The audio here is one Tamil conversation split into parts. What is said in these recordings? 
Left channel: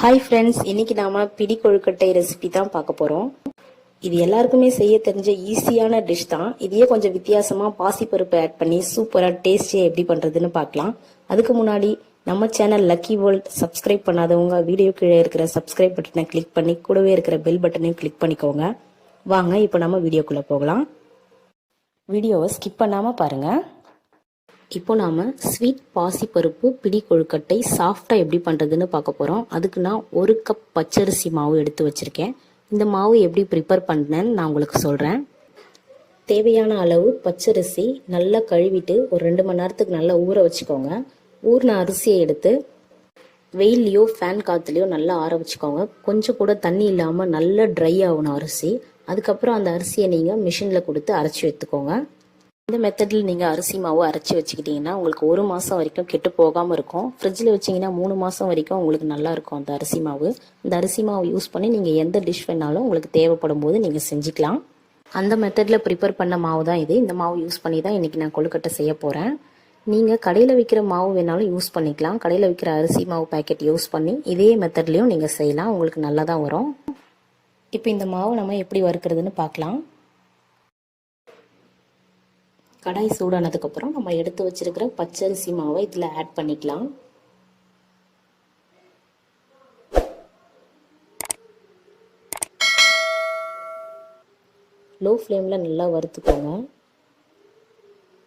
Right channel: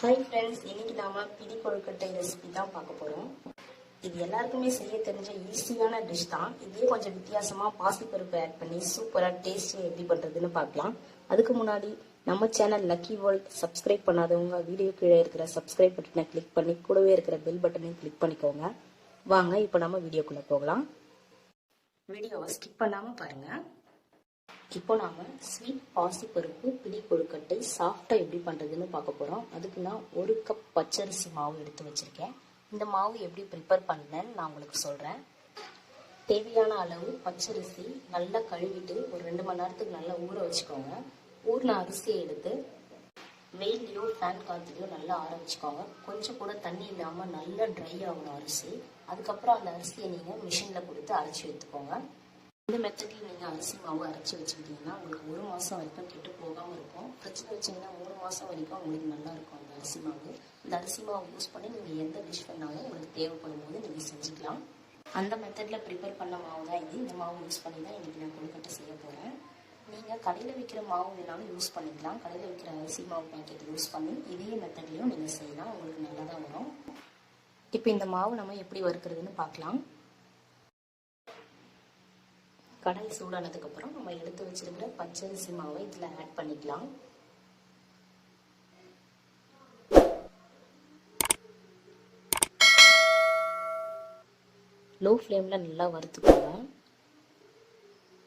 ஹாய் ஃப்ரெண்ட்ஸ், இன்னைக்கு நாம பிடி கொழுக்கட்டை ரெசிபி தான் பார்க்க போறோம். இது எல்லாருக்குமே செய்ய தெரிஞ்ச ஈஸியான டிஷ் தான். இதையே கொஞ்சம் வித்தியாசமா பாசிப்பருப்பு ஆட் பண்ணி சூப்பரா டேஸ்டியா எப்படி பண்றதுன்னு பார்க்கலாம். அதுக்கு முன்னாடி நம்ம சேனல் லக்கி வேர்ல்ட் சப்ஸ்கிரைப் பண்ணாதவங்க வீடியோ கீழே இருக்கிற சப்ஸ்கிரைப் பட்டனை கிளிக் பண்ணி கூடவே இருக்கிற பெல் பட்டனையும் கிளிக் பண்ணிக்கோங்க. வாங்க இப்போ நம்ம வீடியோக்குள்ள போகலாம். வீடியோவை ஸ்கிப் பண்ணாம பாருங்க. இப்போ நாம் ஸ்வீட் பாசிப்பருப்பு பிடி கொழுக்கட்டை சாஃப்டாக எப்படி பண்ணுறதுன்னு பார்க்க போகிறோம். அதுக்கு நான் 1 கப் பச்சரிசி மாவு எடுத்து வச்சுருக்கேன். இந்த மாவு எப்படி ப்ரிப்பேர் பண்ணேன்னு நான் உங்களுக்கு சொல்கிறேன். தேவையான அளவு பச்சரிசி நல்லா கழுவிட்டு ஒரு 2 மணி நேரத்துக்கு நல்லா ஊற வச்சுக்கோங்க. ஊறின அரிசியை எடுத்து வெயில்லையோ ஃபேன் காற்றுலையோ நல்லா ஆற வச்சுக்கோங்க. கொஞ்சம் கூட தண்ணி இல்லாமல் நல்லா ட்ரை ஆகணும் அரிசி. அதுக்கப்புறம் அந்த அரிசியை நீங்கள் மிஷினில் கொடுத்து அரைச்சி எடுத்துக்கோங்க. இந்த மெத்தடில் நீங்கள் அரிசி மாவு அரைச்சி வச்சுக்கிட்டிங்கன்னா உங்களுக்கு 1 மாதம் வரைக்கும் கெட்டு போகாமல் இருக்கும். ஃப்ரிட்ஜில் வச்சிங்கன்னா 3 மாதம் வரைக்கும் உங்களுக்கு நல்லா இருக்கும் அந்த அரிசி மாவு. இந்த அரிசி மாவு யூஸ் பண்ணி நீங்கள் எந்த டிஷ் வேணாலும் உங்களுக்கு தேவைப்படும் போது நீங்கள் செஞ்சுக்கலாம். அந்த மெத்தடில் ப்ரிப்பேர் பண்ண மாவு தான் இது. இந்த மாவு யூஸ் பண்ணி தான் இன்றைக்கி நான் கொழுக்கட்டை செய்ய போகிறேன். நீங்கள் கடையில் விற்கிற மாவு வேணாலும் யூஸ் பண்ணிக்கலாம். கடையில் விற்கிற அரிசி மாவு பேக்கெட் யூஸ் பண்ணி இதே மெத்தட்லேயும் நீங்கள் செய்யலாம். உங்களுக்கு நல்லா தான் வரும். இப்போ இந்த மாவு நம்ம எப்படி வறுக்கிறதுன்னு பார்க்கலாம். கடாய் சூடானதுக்கப்புறம் நம்ம எடுத்து வச்சிருக்கிற பச்சரிசி மாவை இதில் ஆட் பண்ணிக்கலாம். லோ ஃப்ளேமில் நல்லா வறுத்துக்கோங்க.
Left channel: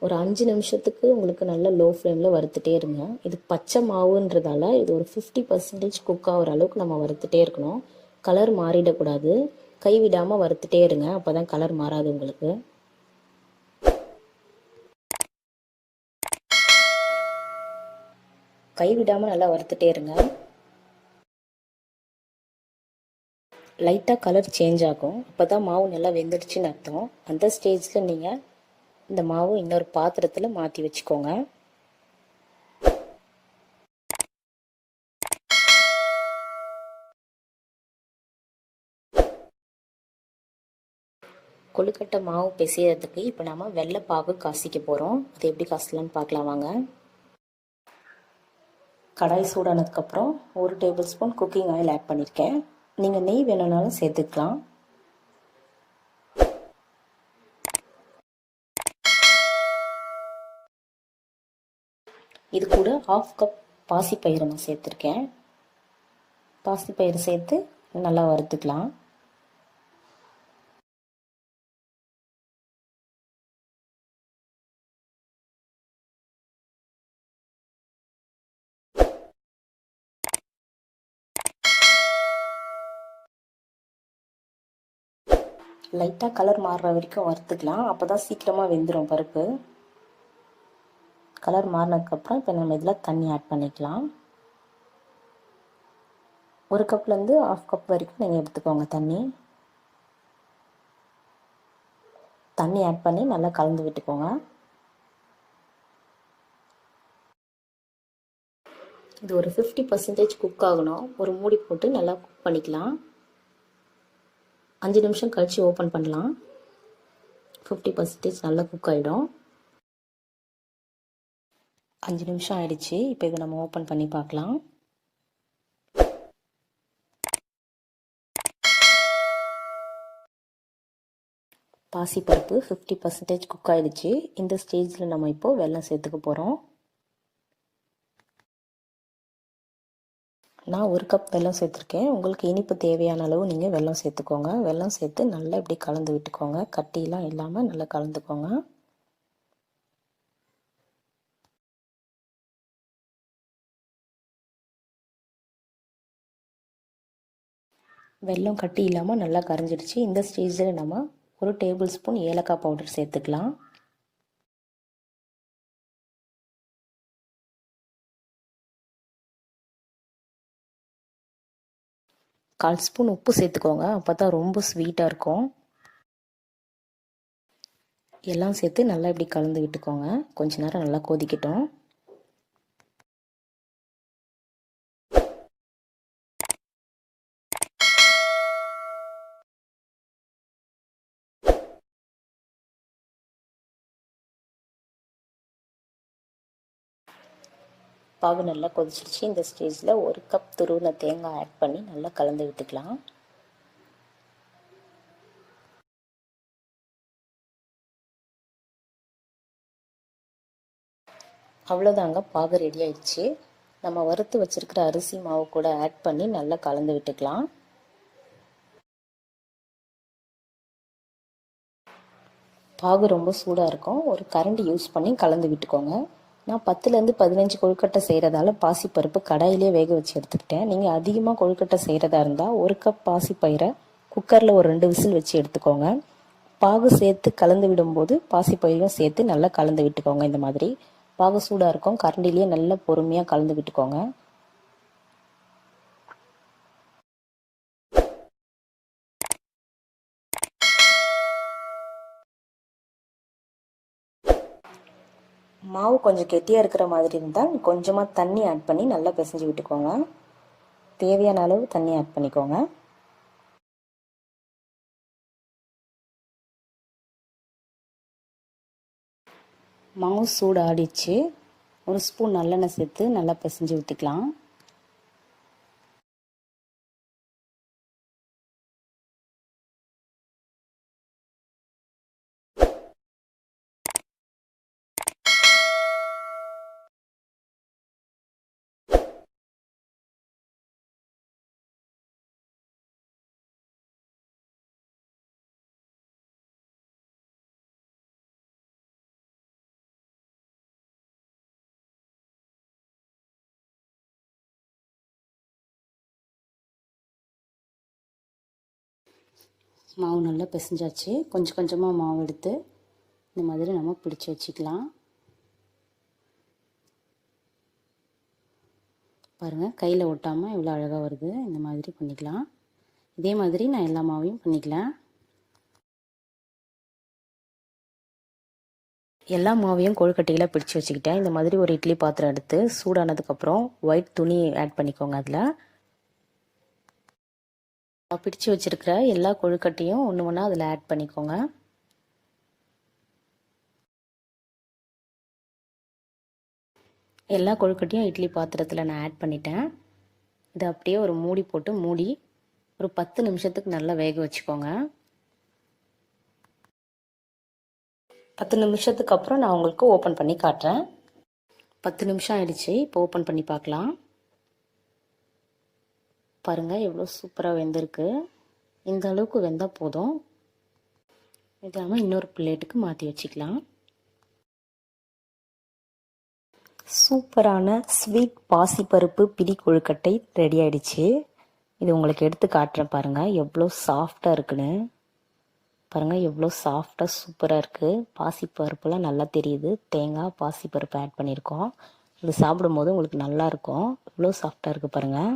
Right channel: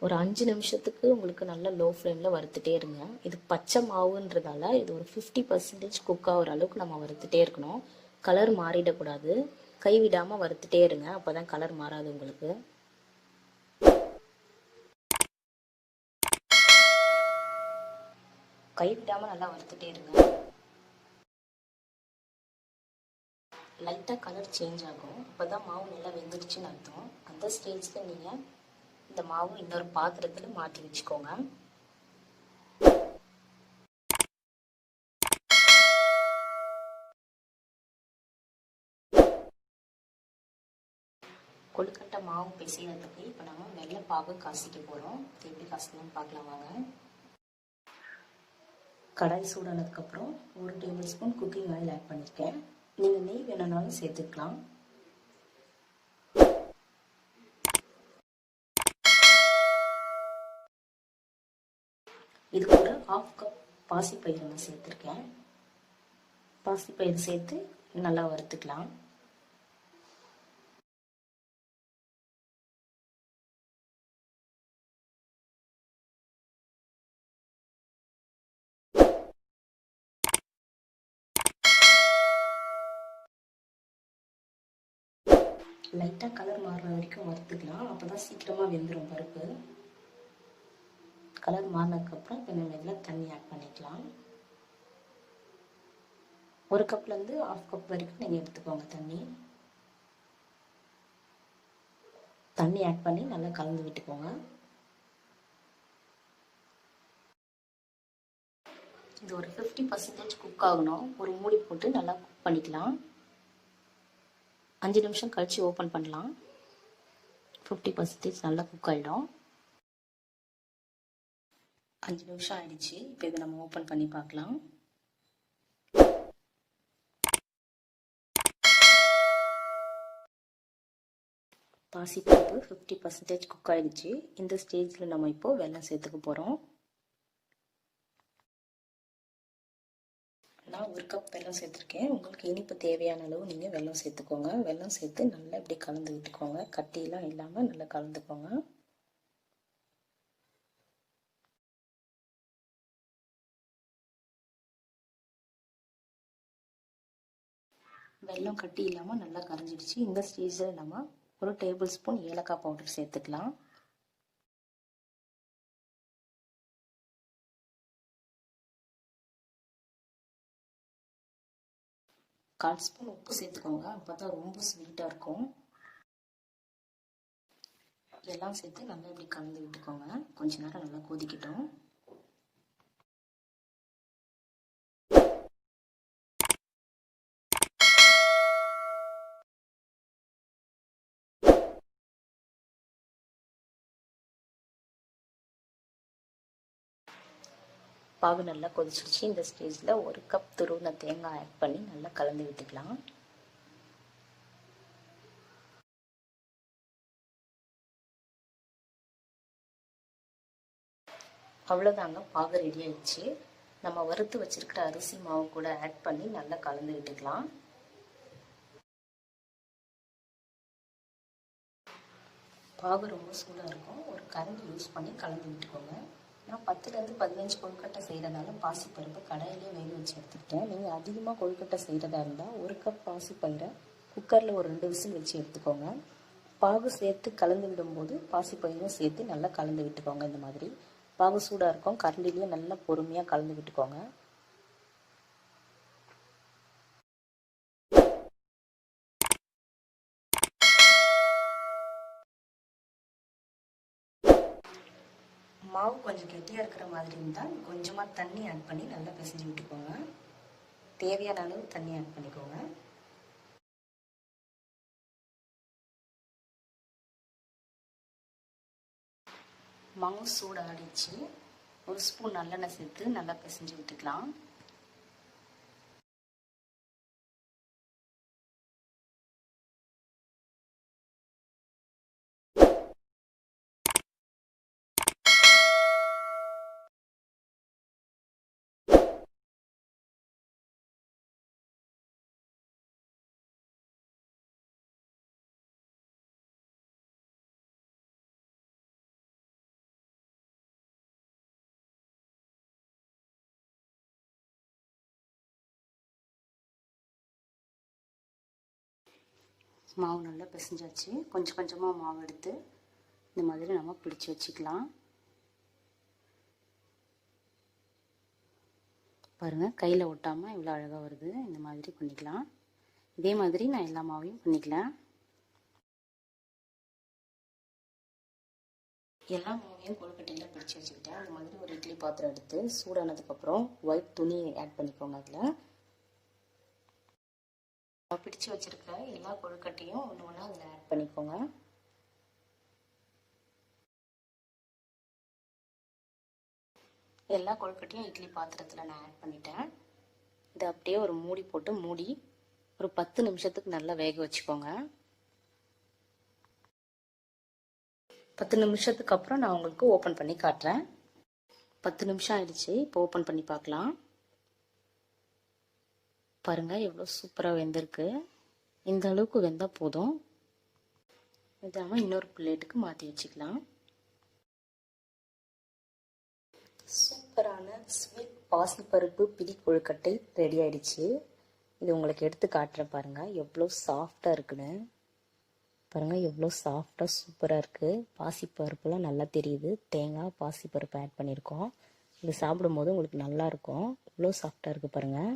ஒரு 5 நிமிஷத்துக்கு உங்களுக்கு நல்லா லோ ஃப்ளேமில் வறுத்துட்டே இருங்க. இது பச்சை மாவுன்றதால இது ஒரு 50% குக் ஆகிற அளவுக்கு நம்ம வறுத்துட்டே இருக்கணும். கலர் மாறிடக்கூடாது. கைவிடாமல் வறுத்துட்டே இருங்க, அப்போ தான் கலர் மாறாது உங்களுக்கு. கைவிடாமல் நல்லா வறுத்துட்டே இருங்க. லைட்டாக கலர் சேஞ்ச் ஆகும். அப்போ தான் மாவு நல்லா வெந்துடுச்சுன்னு அர்த்தம். அந்த ஸ்டேஜில் நீங்கள் இந்த மாவு இன்னொரு பாத்திரத்தில் மாற்றி வச்சுக்கோங்க. கொழுக்கட்டை மாவு பிசையறதுக்கு இப்போ நம்ம வெள்ளைப்பாகு காசிக்க போகிறோம். அது எப்படி காசலான்னு பார்க்கலாம் வாங்க. கடாய் சூடானதுக்கப்புறம் 1 tablespoon cooking oil add பண்ணியிருக்கேன். நீங்கள் நெய் வேணும்னாலும் சேர்த்துக்கலாம். இது கூட 1/2 கப் பாசிப்பயிறு நான் சேர்த்துருக்கேன். பாசிப்பயிறு சேர்த்து நல்லா வறுத்துக்கலாம். லைட்டாக கலர் மாறுற வரைக்கும் வறுத்துக்கலாம். அப்போ தான் சீக்கிரமாக வெந்துடும் பருப்பு. கலர் மாறினதுக்கப்புறம் இப்போ நம்ம இதில் தண்ணி ஆட் பண்ணிக்கலாம். 1 கப்லேருந்து 1/2 கப் வரைக்கும் நீங்கள் எடுத்துக்கோங்க தண்ணி. தண்ணி ஆட் பண்ணி நல்லா கலந்து விட்டுக்கோங்க. இது ஒரு 50% குக் ஆகணும். ஒரு மூடி போட்டு நல்லா குக் பண்ணிக்கலாம். 5 நிமிஷம் கழித்து ஓப்பன் பண்ணலாம். 50% நல்லா குக் ஆகிடும். 5 நிமிஷம் ஆயிடுச்சு. இப்போ இதை நம்ம ஓப்பன் பண்ணி பார்க்கலாம். பாசிப்பருப்பு 50% குக் ஆகிடுச்சு. இந்த ஸ்டேஜில் நம்ம இப்போது வெல்லம் சேர்த்துக்க போகிறோம். நான் 1 கப் வெல்லம் சேர்த்துருக்கேன். உங்களுக்கு இனிப்பு தேவையான அளவு நீங்கள் வெல்லம் சேர்த்துக்கோங்க. வெல்லம் சேர்த்து நல்லா இப்படி கலந்து விட்டுக்கோங்க. கட்டியெல்லாம் இல்லாமல் நல்லா கலந்துக்கோங்க. வெல்லம் கட்டி இல்லாமல் நல்லா கரைஞ்சிடுச்சு. இந்த ஸ்டேஜில் நம்ம 1 டேபிள் ஸ்பூன் ஏலக்காய் பவுடர் சேர்த்துக்கலாம். 1/4 ஸ்பூன் உப்பு சேர்த்துக்கோங்க. அப்போ தான் ரொம்ப ஸ்வீட்டாக இருக்கும். எல்லாம் சேர்த்து நல்லா இப்படி கலந்து விட்டுக்கோங்க. கொஞ்ச நேரம் நல்லா கொதிக்கட்டும். பாகு நல்லா கொதிச்சிடுச்சு. இந்த ஸ்டேஜில் 1 கப் துருவின தேங்காய் ஆட் பண்ணி நல்லா கலந்து விட்டுக்கலாம். அவ்வளோதாங்க, பாகு ரெடி ஆயிடுச்சு. நம்ம வறுத்து வச்சிருக்கிற அரிசி மாவு கூட ஆட் பண்ணி நல்லா கலந்து விட்டுக்கலாம். பாகு ரொம்ப சூடாக இருக்கும். ஒரு கரண்டி யூஸ் பண்ணி கலந்து விட்டுக்கோங்க. நான் 10லேருந்து 15 கொழுக்கட்டை செய்கிறதால பாசிப்பருப்பு கடாயிலே வேக வச்சு எடுத்துக்கிட்டேன். நீங்கள் அதிகமாக கொழுக்கட்டை செய்கிறதா இருந்தால் 1 கப் பாசிப்பயிரை குக்கரில் ஒரு 2 விசில் வச்சு எடுத்துக்கோங்க. பாகு சேர்த்து கலந்து விடும்போது பாசிப்பயிரையும் சேர்த்து நல்லா கலந்து விட்டுக்கோங்க. இந்த மாதிரி பாகு சூடாக இருக்கும், கரண்டிலேயே நல்லா பொறுமையாக கலந்து விட்டுக்கோங்க. மாவு கொஞ்சம் கெட்டியாக இருக்கிற மாதிரி இருந்தால் கொஞ்சமாக தண்ணி ஆட் பண்ணி நல்லா பிசைஞ்சு விட்டுக்கோங்க. தேவையான அளவு தண்ணி ஆட் பண்ணிக்கோங்க. மாவு சூடு ஆடிச்சு. 1 ஸ்பூன் நல்லெண்ணெய் சேர்த்து நல்லா பிசைஞ்சு விட்டுக்கலாம். மாவு நல்லா பிசைஞ்சாச்சு. கொஞ்சம் கொஞ்சமாக மாவு எடுத்து இந்த மாதிரி நம்ம பிடிச்சி வச்சுக்கலாம். பாருங்கள், கையில் ஒட்டாமல் இவ்வளோ அழகாக வருது. இந்த மாதிரி பண்ணிக்கலாம். இதே மாதிரி நான் எல்லா மாவையும் பண்ணிக்கலாம். எல்லா மாவையும் கொழுக்கட்டையில் பிடிச்சி வச்சுக்கிட்டேன். இந்த மாதிரி ஒரு இட்லி பாத்திரம் எடுத்து சூடானதுக்கப்புறம் ஒயிட் துணி ஆட் பண்ணிக்கோங்க. அதில் பிடிச்சி வச்சுருக்கிற எல்லா கொழுக்கட்டையும் ஒன்று ஒன்றா அதில் ஆட் பண்ணிக்கோங்க. எல்லா கொழுக்கட்டையும் இட்லி பாத்திரத்தில் நான் ஆட் பண்ணிட்டேன். இதை அப்படியே ஒரு மூடி போட்டு மூடி ஒரு 10 நிமிஷத்துக்கு நல்லா வேக வச்சுக்கோங்க. 10 நிமிஷத்துக்கு அப்புறம் நான் உங்களுக்கு ஓப்பன் பண்ணி காட்டுறேன். 10 நிமிஷம் ஆயிடுச்சு. இப்போ ஓப்பன் பண்ணி பார்க்கலாம். பாருங்கள், எவ்வளோ சூப்பராக வெந்திருக்கு. இந்த அளவுக்கு வெந்தால் போதும். இதை நம்ம இன்னொரு பிளேட்டுக்கு மாற்றி வச்சுக்கலாம். சூப்பரான ஸ்வீட் பாசிப்பருப்பு பிடி கொழுக்கட்டை ரெடி ஆயிடுச்சு. இது உங்களுக்கு எடுத்து காட்டுறேன். பாருங்கள் எவ்வளோ சாஃப்டாக இருக்குன்னு. பாருங்கள் எவ்வளோ சாஃப்டாக சூப்பராக இருக்குது. பாசிப்பருப்புலாம் நல்லா தெரியுது. தேங்காய் பாசிப்பருப்பு ஆட் பண்ணியிருக்கோம். இது சாப்பிடும்போது உங்களுக்கு நல்லாயிருக்கும். இவ்வளோ சாஃப்டாக இருக்குது பாருங்கள்.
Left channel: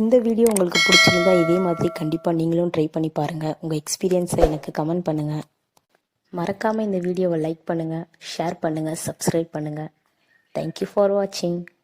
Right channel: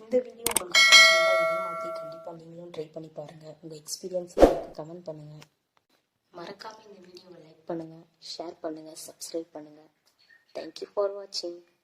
இந்த வீடியோ உங்களுக்கு பிடிச்சிருந்தா இதே மாதிரி கண்டிப்பாக நீங்களும் ட்ரை பண்ணி பாருங்கள். உங்கள் எக்ஸ்பீரியன்ஸை எனக்கு கமெண்ட் பண்ணுங்கள். மறக்காமல் இந்த வீடியோவை லைக் பண்ணுங்கள், ஷேர் பண்ணுங்கள், சப்ஸ்கிரைப் பண்ணுங்கள். தேங்க்யூ ஃபார் வாட்சிங்.